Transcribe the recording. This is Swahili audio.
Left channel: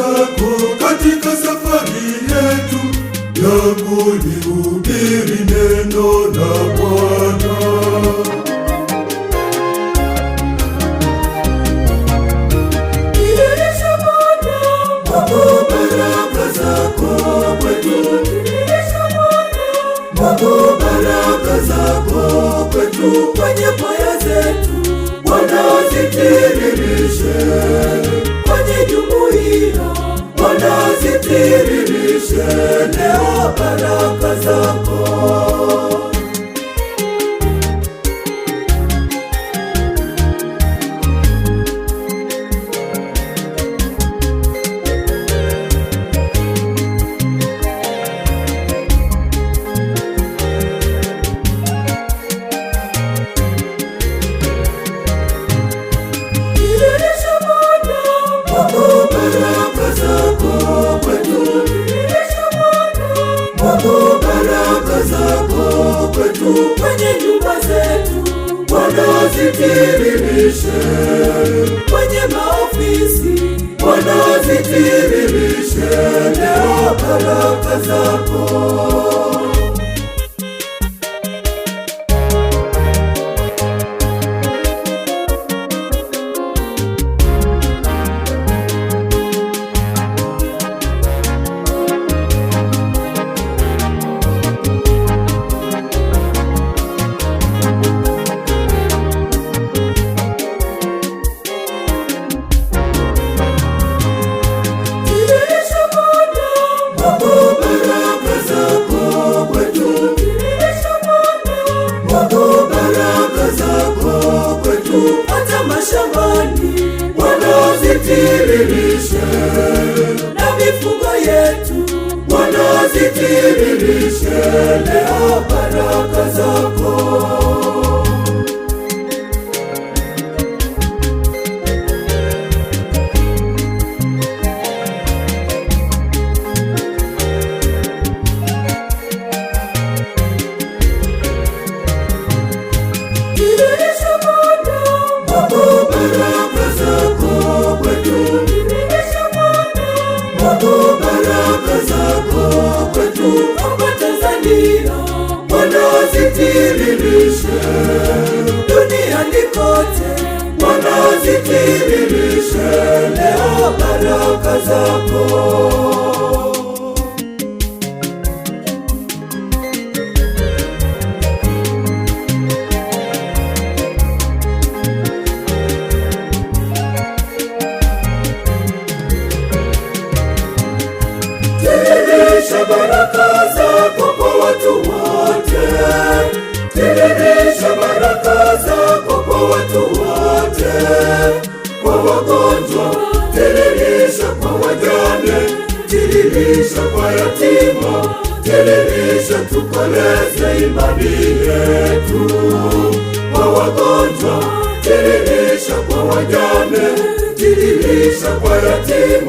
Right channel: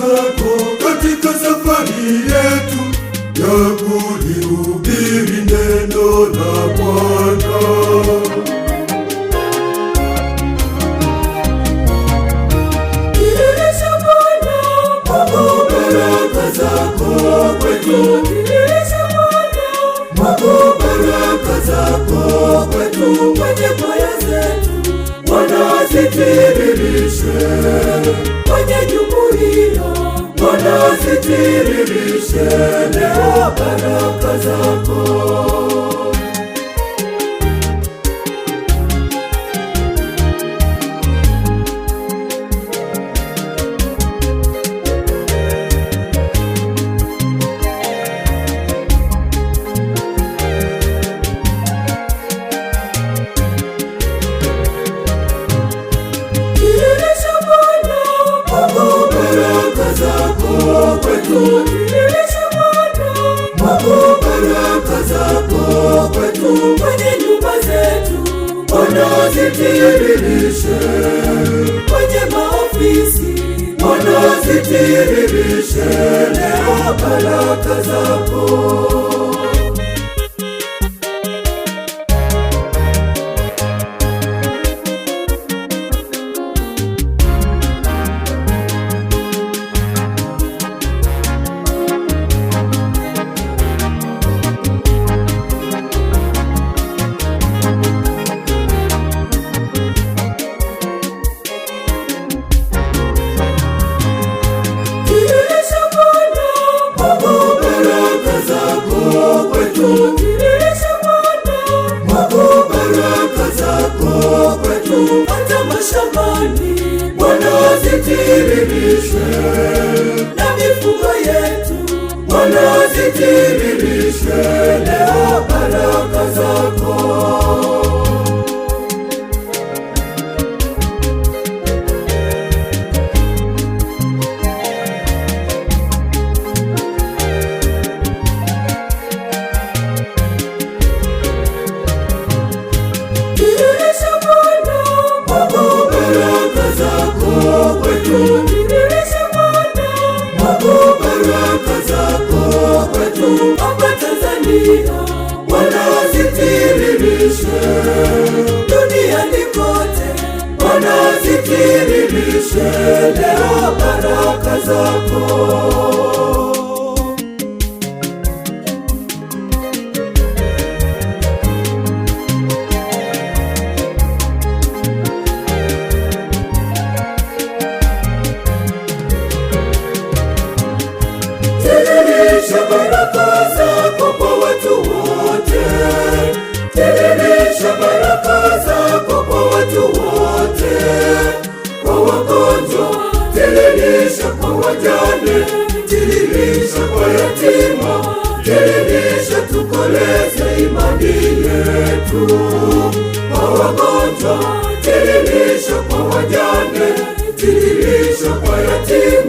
zako katika safari yetu ya kulihubiri neno la Bwana. Tiririsha Bwana, Mungu, baraka zako kwetu. Tiririsha Bwana, Mungu, baraka zako kwetu. Kwenye kwaya zetu Bwana zitiririshe, kwenye jumuiya Bwana zitiririshe leo baraka zako. Kwenye nyumba zetu Bwana zitiririshe, kwenye maofisi Bwana zitiririshe leo baraka zako. Na mifugo yetu Bwana zitiririshe leo baraka zako. Tiririsha Bwana, Mungu, baraka zako kwetu. Bwana zitiririshe, duniani kote Bwana zitiririshe leo baraka zako. Tiririsha baraka zako kwa watu wote. Tiririsha baraka zako kwa watu wote. Kwa wagonjwa, tiririsha kwa wajane, tiririsha kwa yatima, tiririsha tukoleze imani yetu. Kwa wagonjwa, tiririsha kwa wajane, tiririsha kwa yatima.